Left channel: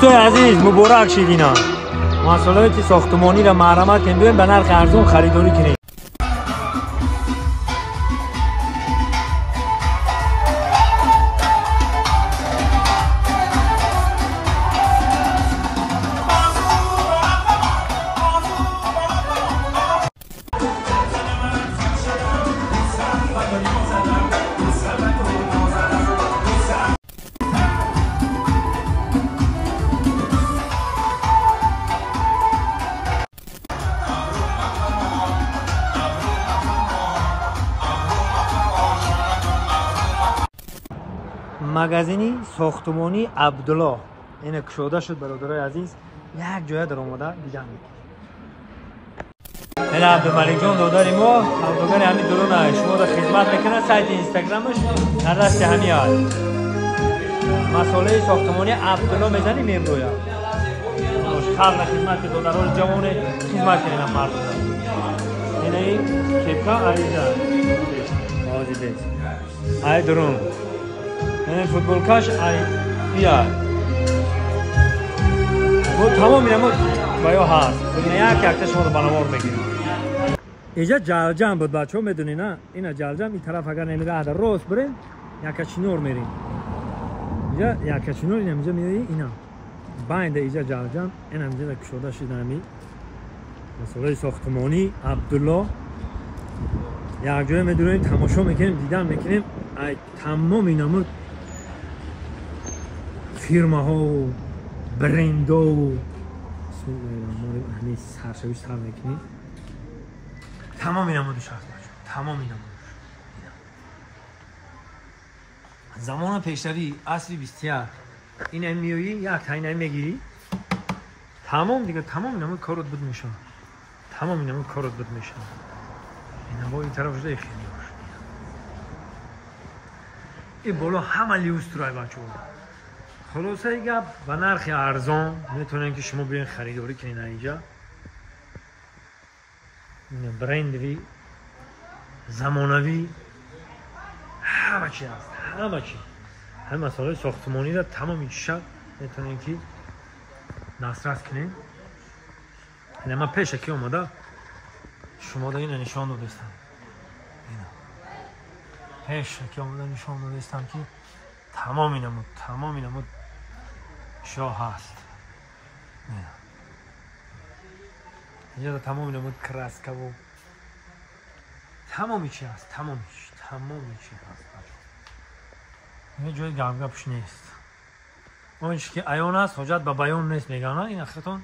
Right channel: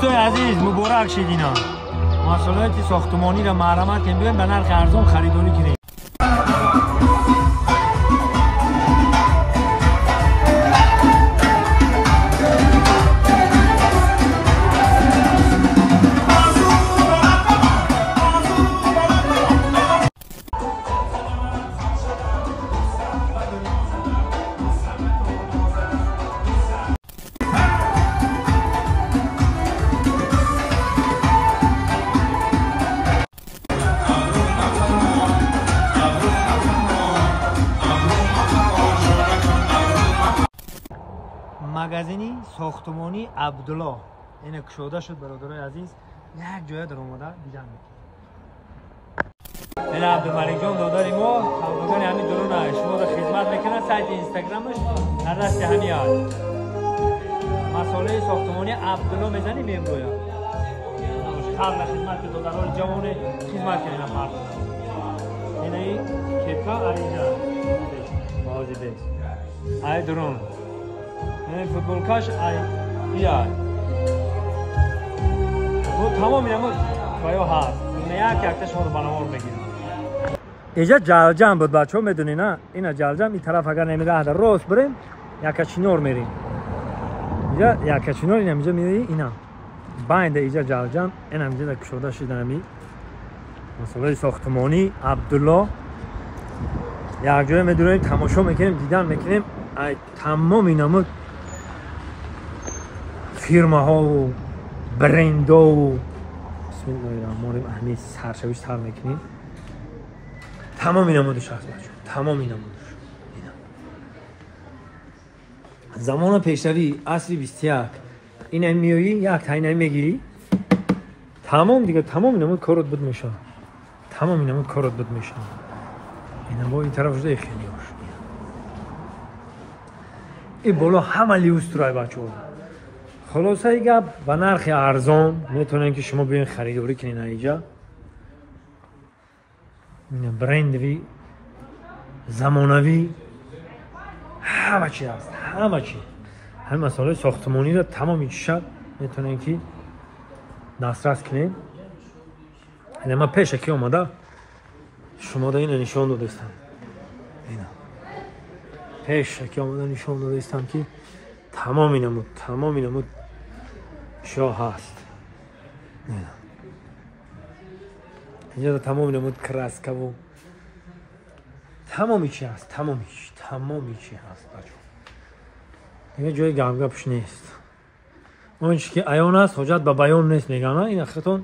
دوستای عزیز مبارک شیدینا. محصولات ساختمانی را مرمت کنیم بیاین به نرخ ارزان خریداری کنیم. مغازینی ساختمانی عبدالله این کشوده شد برادرای عزیز. یک جای در آماده دیدن این عبدالملک جان داداری ما سوداگر همین درونه شما را خدمت میکنه. سایت اینستاگرامش در دست همین هست. مسئله ساختمانی عبدالله میزنی میبرویا خلق خدمت که دادران جوان خدمت کنیم مردم. این کپکا عریضه بازی بیت ای درون این فوتبال کاش یا بود تمام اینم باید هست نه یک شما رو بنوار بگیریم. اینجا جلجم بود بچه ها میدونی نه اینا جلجم این طرف اگر نمیده در راست بریم یک چینور میریم اینجا یک چینور این اینجا میری اینا بینده اینجا جلجم این هم اینجا کشوده شده نمی مسئله ساختمانی عبدالله یک جای میدونیم تماشا میکنیم دیدن میکنیم تمام اینا فیرما ها و برند ها و بسم الله الرحمن الرحیم همین سرشویش تر میکنیم. تمام اینا مودش هست بچه تمام اینا مودش زمان پیشروی عصری 21 این میایی یک تاینه میگیری تمام دیگه تمام اینا مود کارت بود میشه. تمام اینا مود کارت بود میشه. اینا با این طرف شده خیلی هاش این بالا همه لیوسترای بچه ها. خلاصه ایگه به نرخ ارزان میتونن که شما بیاین خریداری کنین اینجا. برندوی زمانوی همه چی هست همه چی همه مسائل ساختمانی رو تمام چیشد میتونن که دسترس کنین. این ما پیش که اومده شما دا این نشان دادستم اینا پیش که اومده نشان دادستم که تمام اینمود شاه هست. اینجا تمام اینمود کرسکه و تمامی چی هست تمامی چی هست بچه اینجا جای گپش نیست. اون چی که عیان هست حجت به بیان نیست میگن این اخرتون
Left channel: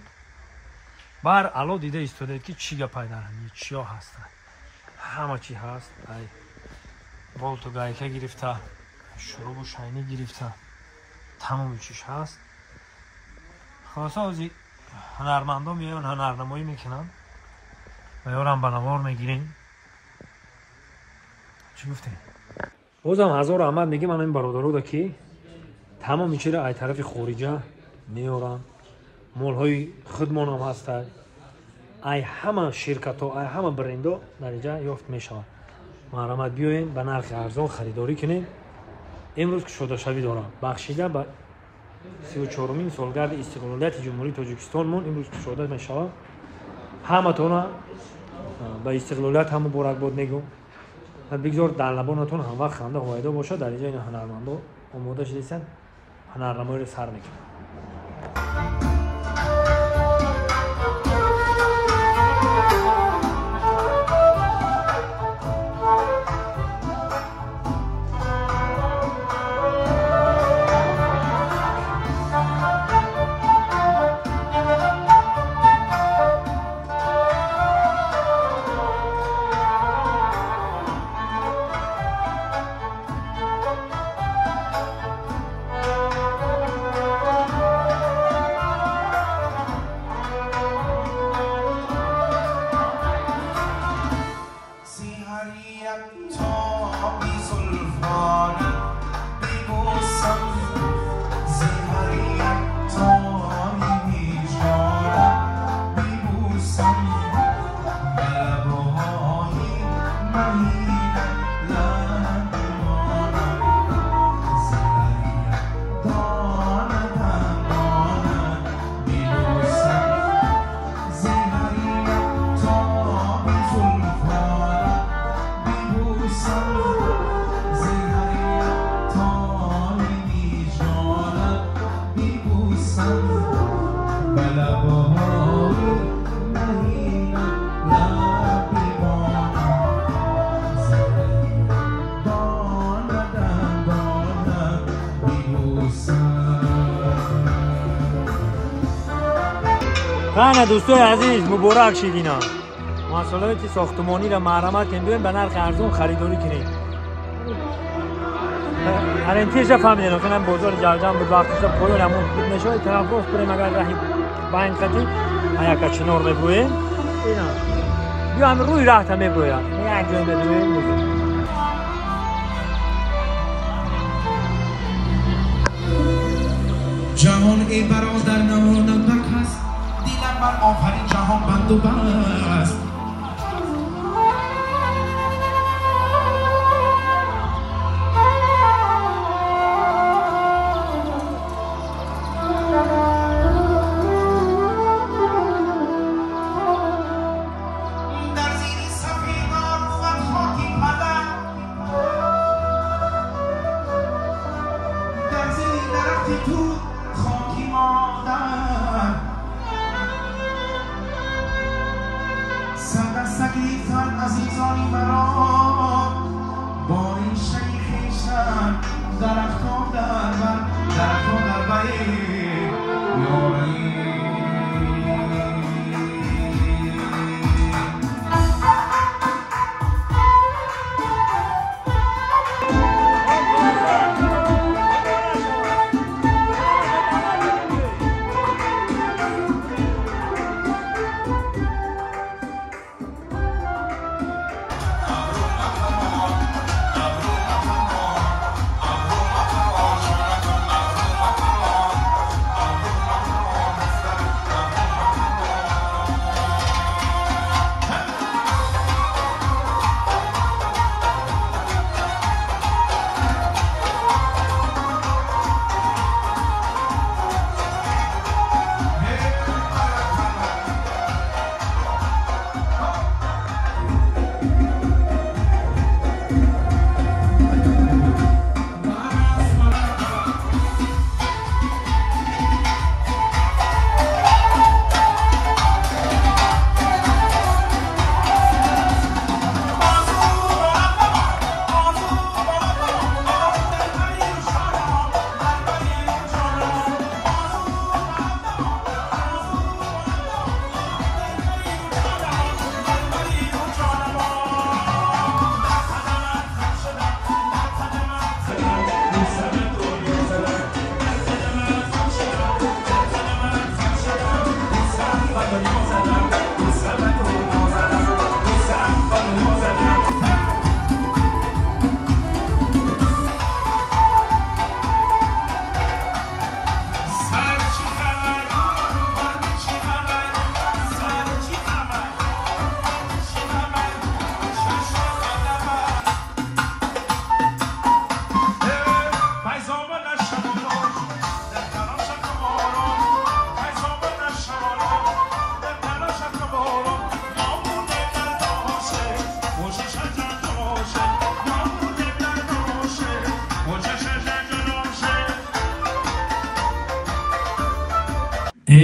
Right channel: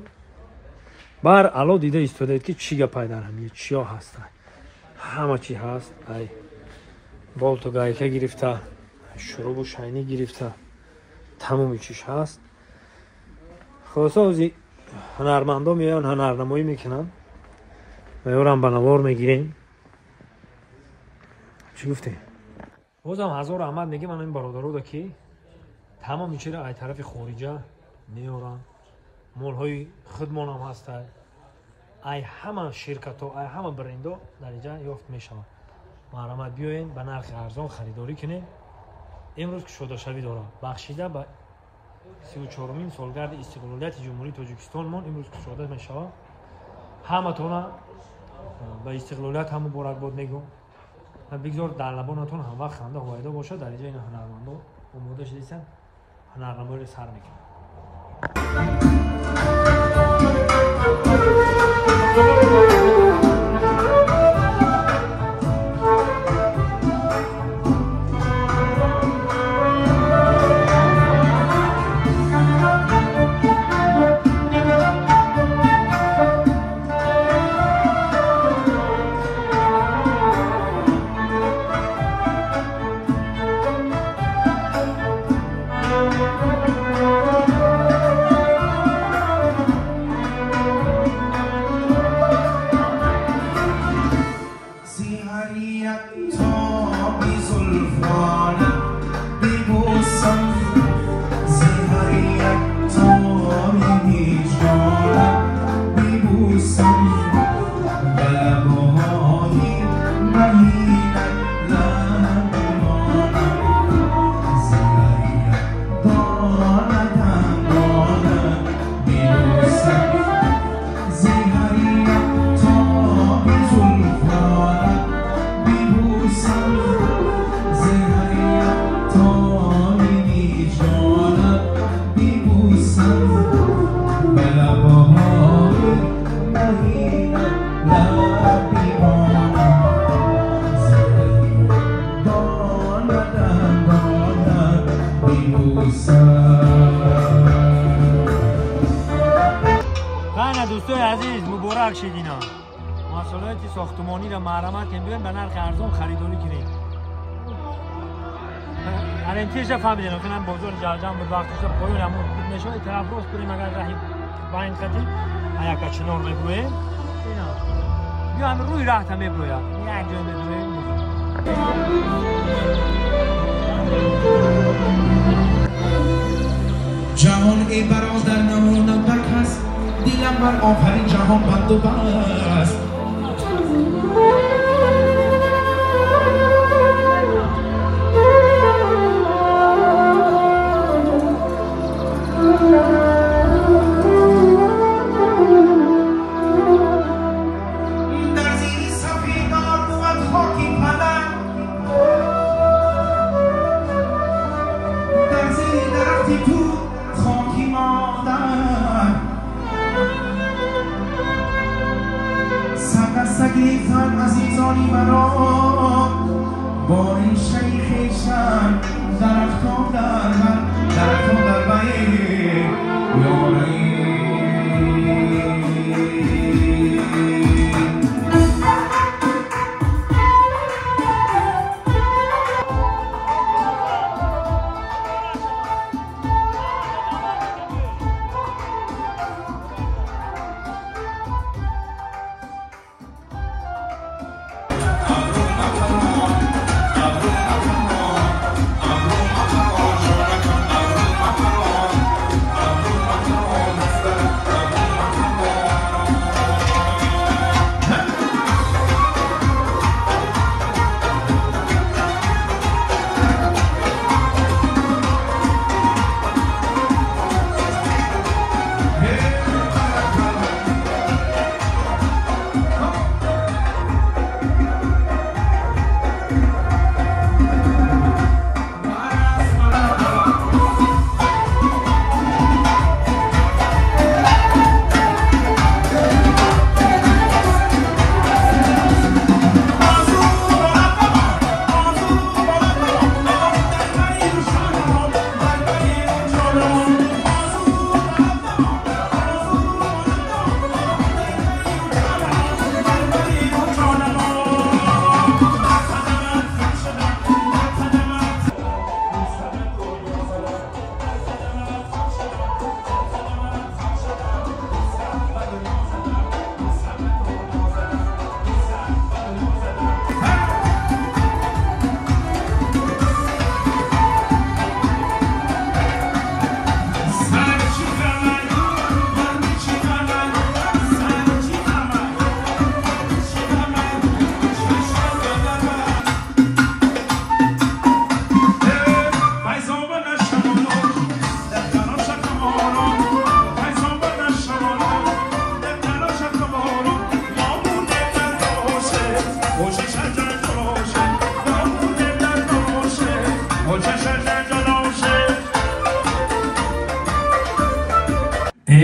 بر علا دیده ایستاده که چی گپ در همیه چی ها هست همه چی هست. ای بالت و گایکه گرفته شروب و شاینی گرفته تمامی چیش هست. خلاصه اوزی هنرمندا میان هنرنمایی میکنن و یارم بنوار میگیریم. چی گفته؟ بازم هزار احمد میگه من این برادرها دا که تمامی چی را ای طرف خارجه میارن مال های خودمان هم هست ای همه شرکت ها ای همه برند ها در اینجا یافت میشود. محرمت بیاین به نرخ ارزان خریداری کنین. امروز که شده شوی داره بخشیده به 34مین سالگرد استقلالیت جمهوری تاجیکستان مون امروز که شده میشود. همه تونه به استقلالیت هم مبارک باد میگم. بگذار در لبانتون هم وقت خنده هایده باشه. در اینجا این هنرمندا آماده شدیدن هنرنمایی رو سر میکنن. خانه دوستای عزیز مبارک شید اینا محصولات ساختمانی را مرمت کنید ببین به نرخ ارزون خریداری کنید ارنتیش فهمیدن کنم بازار جلجم بود وقتش پایان همون بود نشود طرف راست بریم اگر راهی باین خطی یک چنار میبرویم اینا بیا هم روی راه تا میبرویم یک جای میبرویم جهان ای برادر نماند بر کس دیلم بر آفرین جهان بند و بست در زیر سفیدار بود خاکی پدر در زیر درختی تو خاکی مادر سگیفتن عزیزانی مرا با این شیخشم درفتادن بایی یاری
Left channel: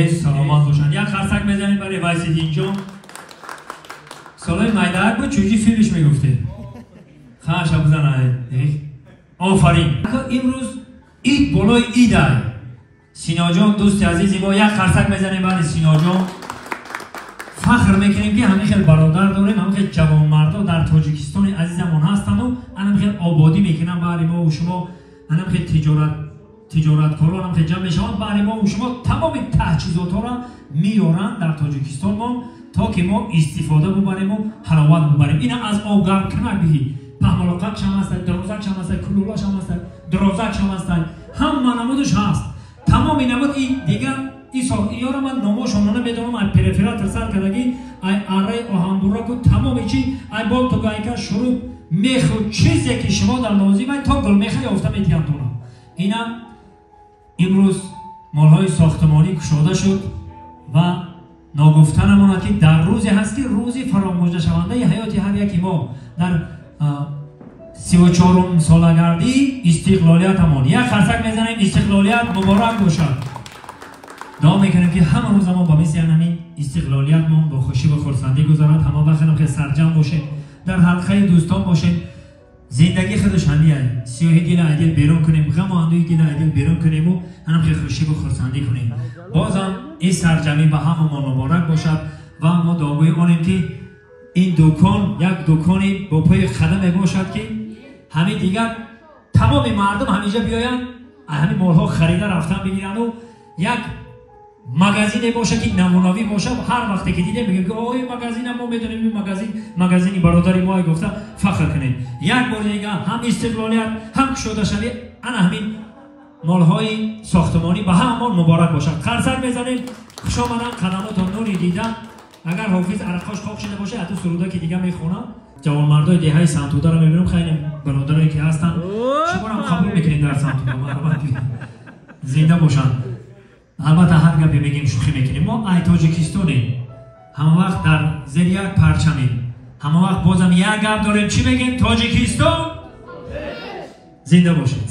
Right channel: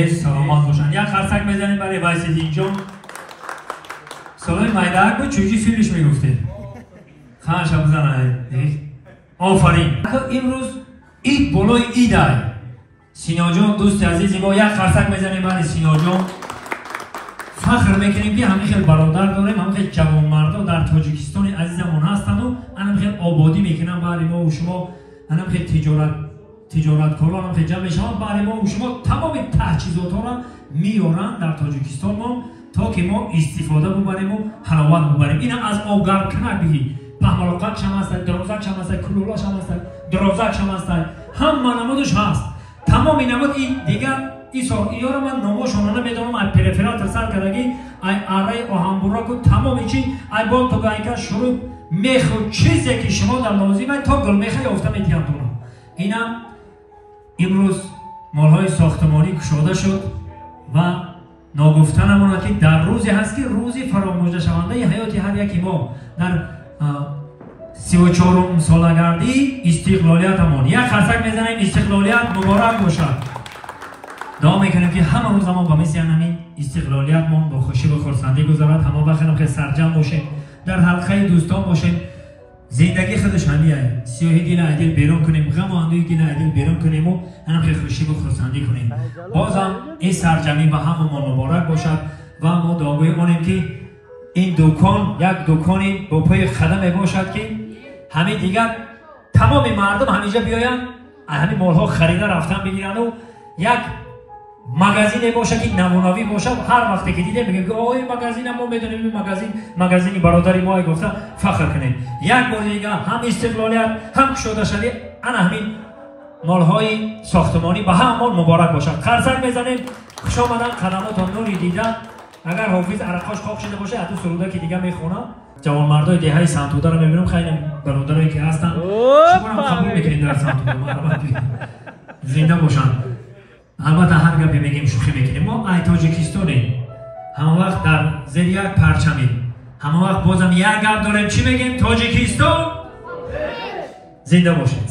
سلامت باشن یک خرسک میزنید برای وایسیدین جون سالای مایدک بود چوجی فیلش میگفته خواهش بزنه آفرین امروز اید بالای اید های سینا جون دوست عزیزی با یک خرسک میزنیم برای سینا جون فخر میکنیم که همین خیلی برادر داریم همین خیلی جوان مردا در تاجیکستان عزیزمون هستن و همین خیلی آبادی میکنن برای ما و شما همین خیلی تجارت کاران هم خیلی جمع میشن برای ما و شما تمام تجهیزات ها را میارن در تاجیکستان ما تا که ما استفاده ببریم و حلاوت ببریم این از آب گرم کنک بگی پهمالقت هم هست درازک هم هست کلولاش هم هست درازک هم هست هم نمودش هست تمام این نمود این دیگه اینا رو من ناماشون نمیدونم از پرفرات سر کردگی ای اره آهنبورا که تمام چی ای بال تو گایکا شروع میخو چیزی که شما در لازمه تا گل میخه یافته میتیم تو اینا امروز مالهای ساختمانی کشاده شد و ناگفتنمون که در روزی هست که روزی فراموش شونده حیات هر یکی ما در 34 سالگردی استقلالیتمون یک خرسک میزنیم استقلالیت مبارک باشد دعا میکنم که همه روز ما با مثل همین استقلالیت ما با خوشی و خرسندی گذرد. همه وقت که سرجم باشیم، در حلقه دوستان باشیم. زندگی خودش همیه، سیاهی دل عدل بیرون کنیم، غم و اندوهی دل عدل بیرون کنیم و هم که خوشی و خرسندی کنیم. بازم این سرجمی به همه ما مبارک باشد و ما دعاگوی کنیم که این دکان یک دکانی با پای خدمه باشد که همین دیگر تمام مردم همیشه بیاین همین مالها خریده رفتن بگیرن و یک مغازین باشه که نمونوی باشه. هر وقتی که دیده میگه که آقا این مغازین ما میدونیم این مغازینی برادری ما گفته فخر کنیم. یک بار دیگه هم استقلالیت هم شده شوی انا همین مالهای ساختمانی به همون مبارک باشد. خرسک میزنیم خوش آمدن خدماتون نوری دیدن. اگر حافظ عرقاش خواب شده باشه حتی سروده که دیگه میخونه. جوانمردای دهه سنتوده رو میبینم خیلی برادرایی که هستن شما هم قبول میکنید در سنتوده زنده باشن. البته هر گپی میگیم شوخی میکنیم. ما ای تاجیکستانیم، همه وقت در زیر یک پرچمیم، همه وقت بازم یک گپ داریم چی میگیم؟ تاجیکستان زنده باشید.